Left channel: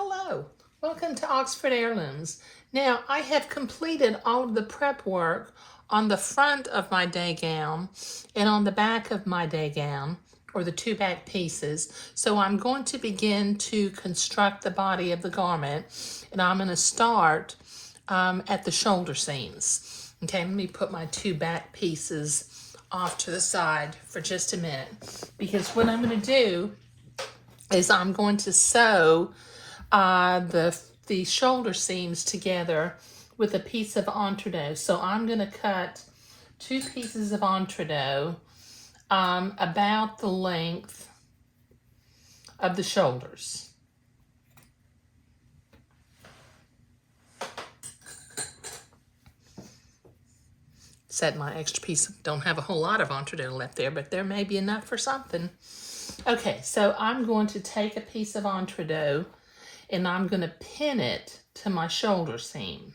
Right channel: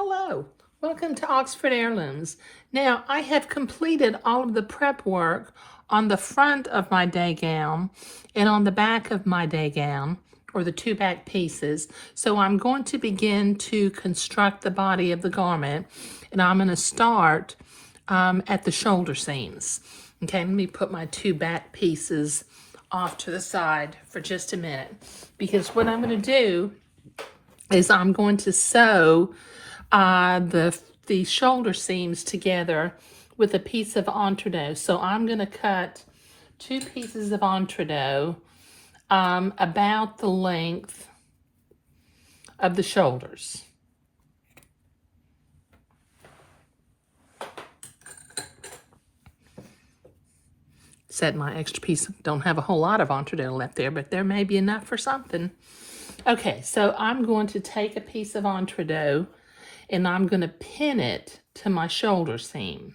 Hello, welcome to Oxford Heirlooms. Now, I have completed all of the prep work on the front of my day gown and on the back of my day gown, or the two back pieces. So I'm going to begin to construct the body of the garment, and I'm going to start at the shoulder seams. Okay, let me put my two back pieces off to the side for just a minute, because what I'm going to do is I'm going to sew the shoulder seams together with a piece of entredot. So I'm going to cut two pieces of entredot about the length of the shoulders. Said my extra piece, don't have a whole lot of entredot left there, but there may be enough for something. Okay, so I'm going to take a piece of entredot and I'm going to pin it to my shoulder seam.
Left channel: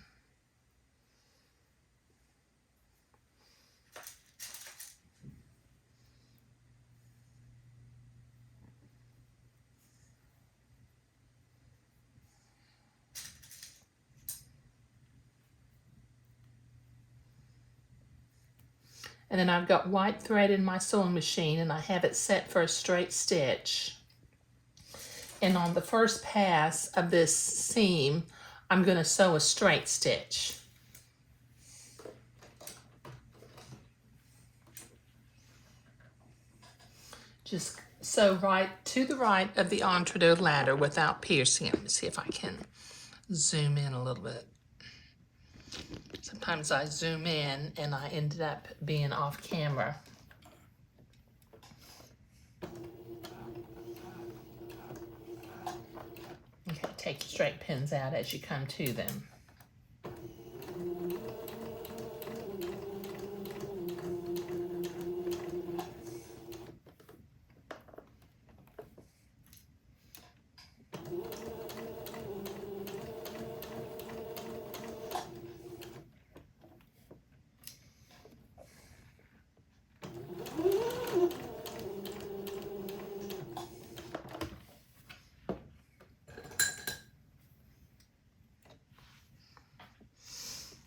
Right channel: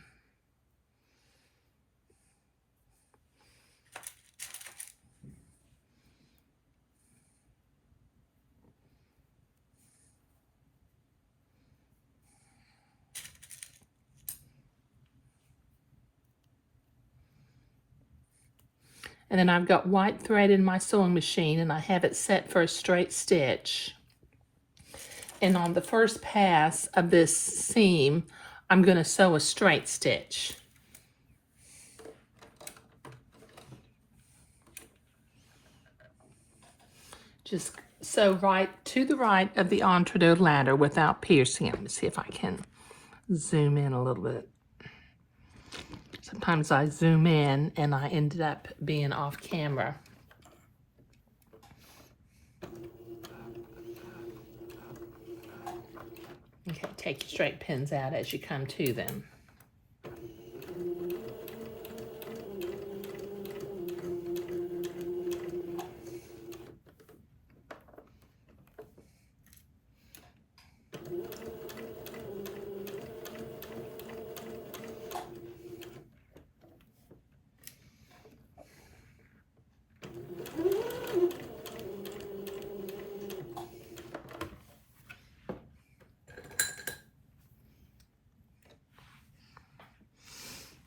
And then I've got white thread in my sewing machine and I have it set for a straight stitch. And on the first pass of this seam, I'm going to sew a straight stitch. Just sew right to the right of the entredot ladder without piercing it. Let me see if I can zoom in a little bit. Sometimes I zoom in and I ended up being off camera. Okay, take the straight pins out as you come to them.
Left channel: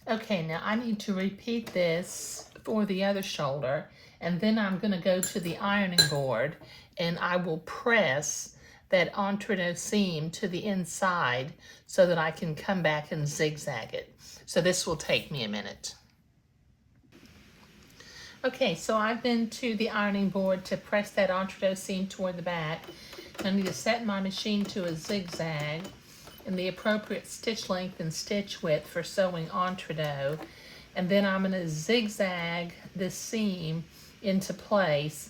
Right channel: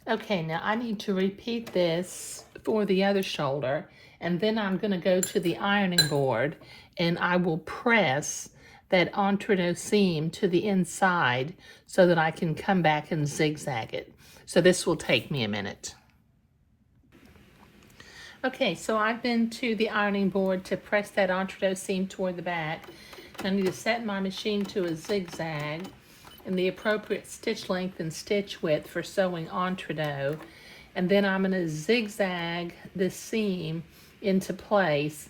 Okay, now I need to repeat this for the other shoulder, and then I'm going to go to the ironing board and I will press that entredot seam to the inside so that I can come back and zigzag it. So this will take me a minute. Okay, so I've been to the ironing board to press that entredot seam toward the back. I need to set my machine to a zigzag and the appropriate stitch length and stitch width for sewing entredot. And then I'm going to zigzag this seam into place,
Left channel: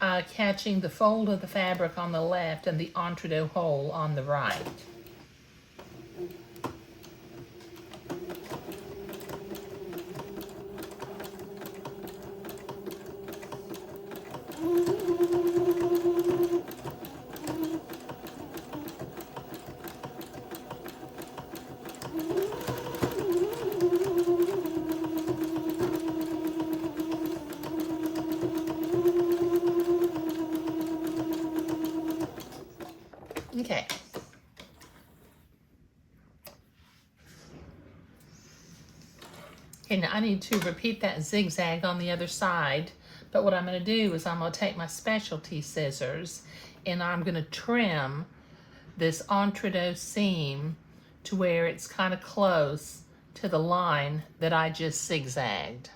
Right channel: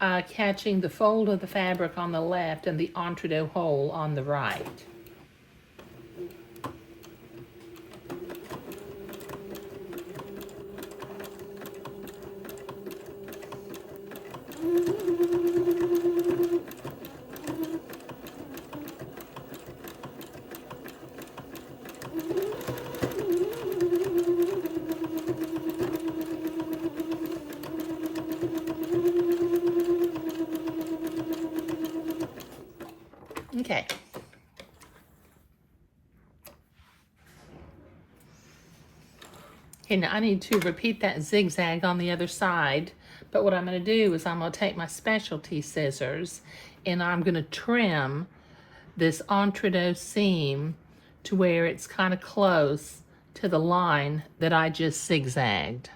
catching the fold of the fabric on the left and the entredot hole on the right. Okay. Okay, now I need to repeat that zigzag on the other side, but what I'm going to do is I'm going to take my specialty scissors and I'm going to trim this entredot seam to where it's kind of close to the line that I just zigzagged.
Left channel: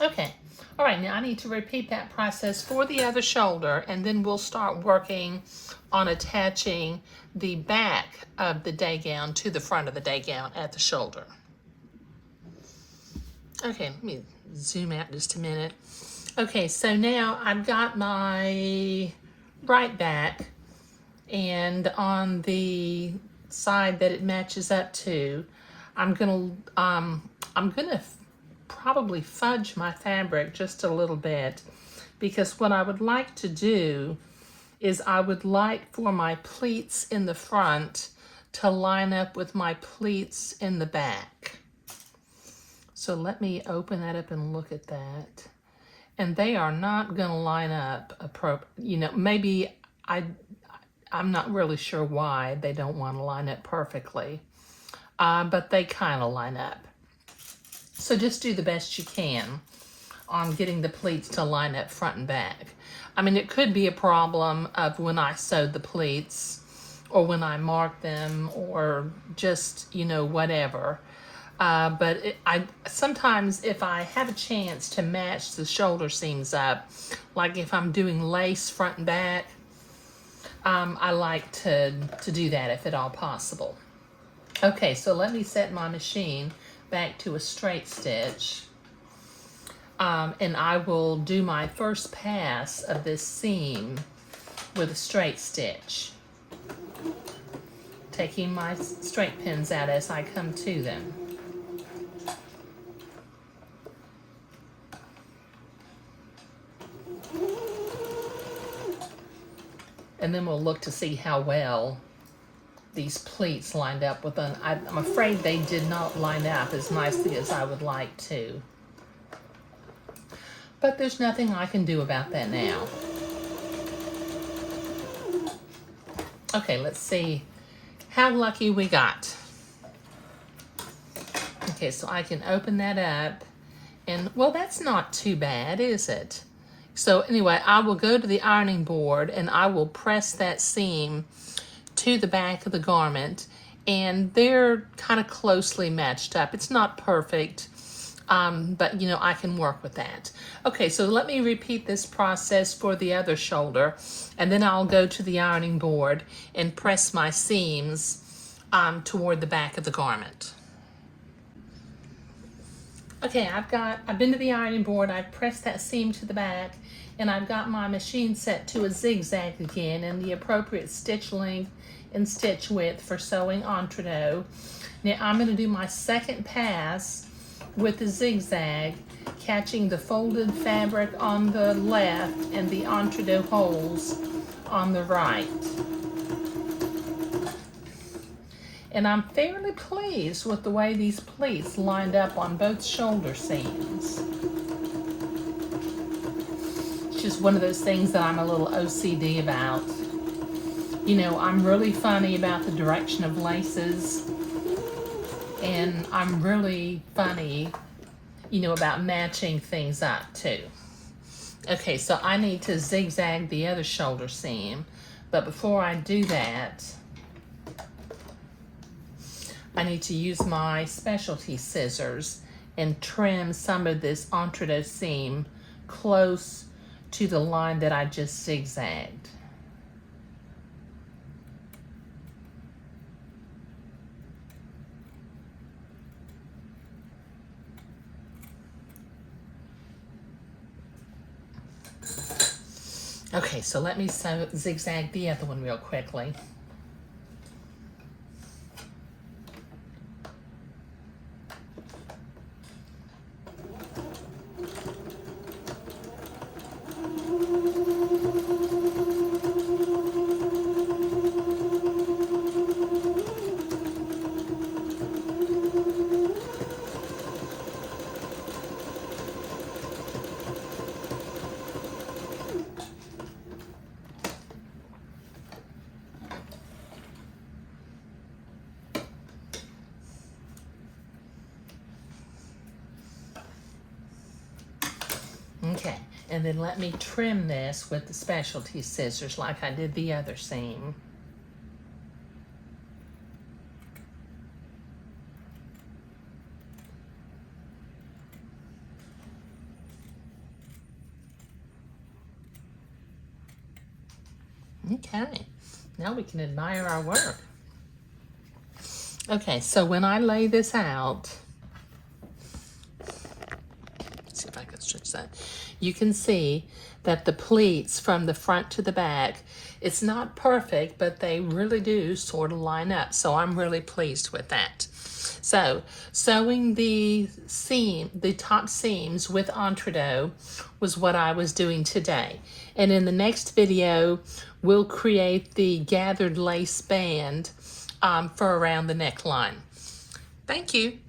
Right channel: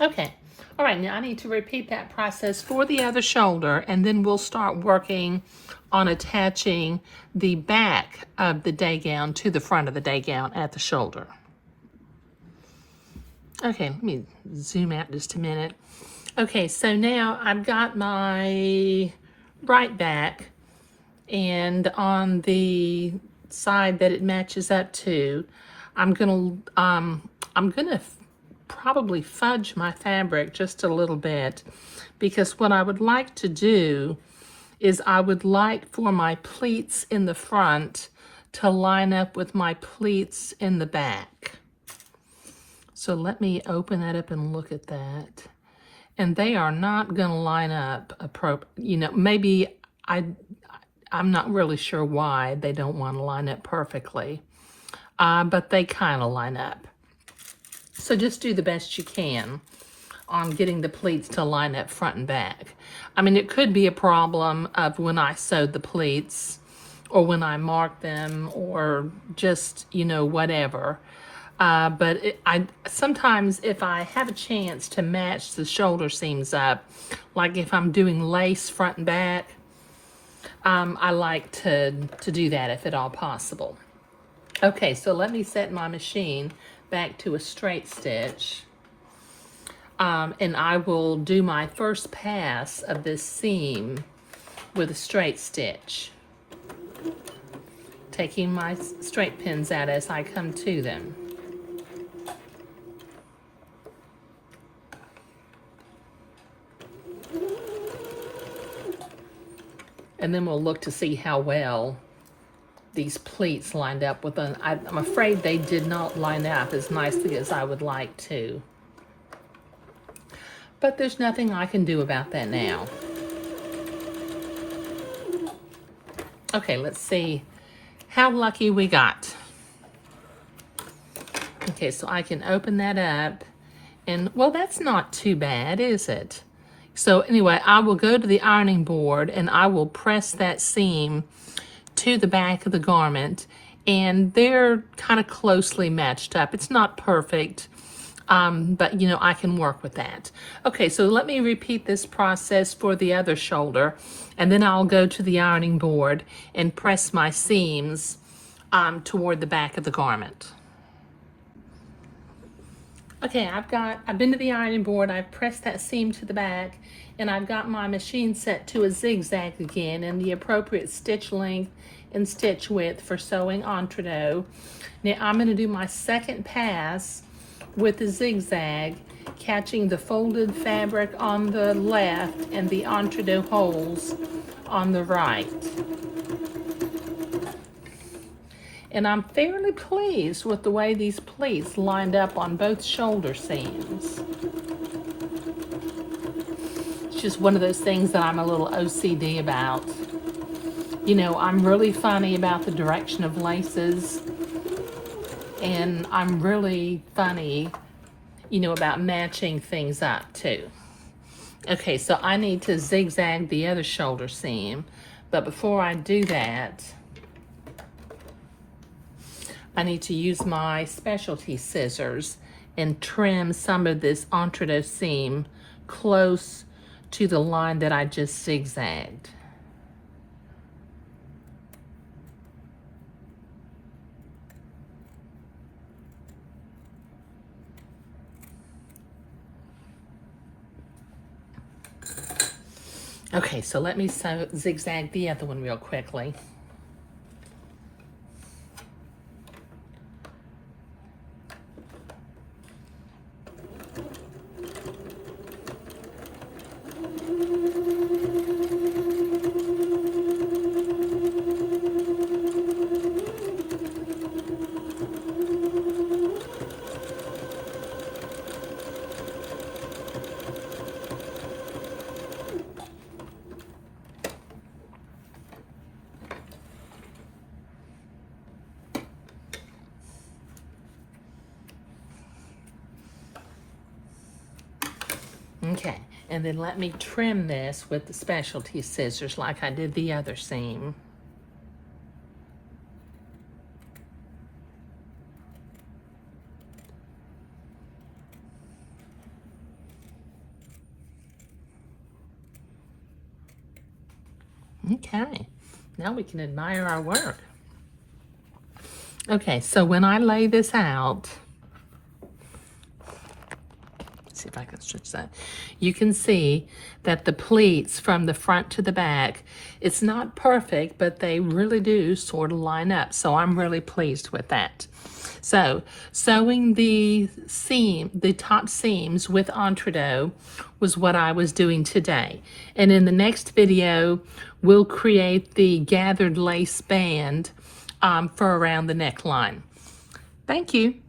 Okay, all right, now I need to repeat that process for the other shoulder, and then we'll start working on attaching the back of the day gown to the front of the day gown at the shoulder. Okay, let me zoom out just a minute. Okay, so now I've got my right back, and on the side that it matches up to, I'm gonna probably fudge my fabric just a little bit, because what I would like to do is I would like for my pleats in the front to line up with my pleats in the back. So let me open that up and look at that. And they are not going to line up maybe I'm not really sure why they don't want to line up perfectly, but they kind of line up. So just do the best you can on getting the pleats to line up front and back. I mean, it could be a problem of when I sewed the pleats or when I marked them or just, whatever. But sometimes if I have a chance to match the shoulder seams up, like if I'm doing lace front and back, I like to do that if at all possible. Okay, so let me set my machine back to a straight stitch. And I will do my first pass of this seam with a straight stitch, taking my straight pins out as I come to them. And then we'll look to see how well these pleats lined up with them. I'm afraid they did not line up as nicely as I would like to. But there's nothing I can do about that now. Okay, let's see how lucky we got. Okay, so I can open that up. And, well, that's not too bad, is it? So anyway, I will go to the ironing board and I will press that seam to the back of the garment, and they're kind of closely matched up. It's not perfect, but I can work with that. Okay, so let me repeat this process for the other shoulder, and then I'll go to the ironing board and press my seams toward the back of the garment. Okay, I've been to the ironing board, I've pressed that seam to the back, and I've got my machine set to a zigzag again and the appropriate stitch length and stitch width for sewing entrecôte. Now I'm going to do my second pass with the zigzag, catching the folded fabric on the left and the entrecôte holes on the right. And I'm fairly pleased with the way these pleats lined up on both shoulder seams. It's just one of those things that I'm a little OCD about. I'm really funny about the direction of laces, and I'm really funny, about matching things up too. Okay, so I need to zigzag the other shoulder seam, but before I do that, I need to use my specialty scissors and trim some of this entrecôte seam close to the line that I just zigzagged. Okay, so let me zigzag the other one real quickly. Okay, and then let me trim this with the specialty scissors like I did the other seam. Okay, now we can admire our work. Okay, so when I lay this out, let's see if I can stretch that. You can see that the pleats from the front to the back, it's not perfect, but they really do sort of line up. So I'm really pleased with that. So sewing the top seams with entrecôte was what I was doing today. And in the next video, we'll create the gathered lace band for around the neckline. Thank you.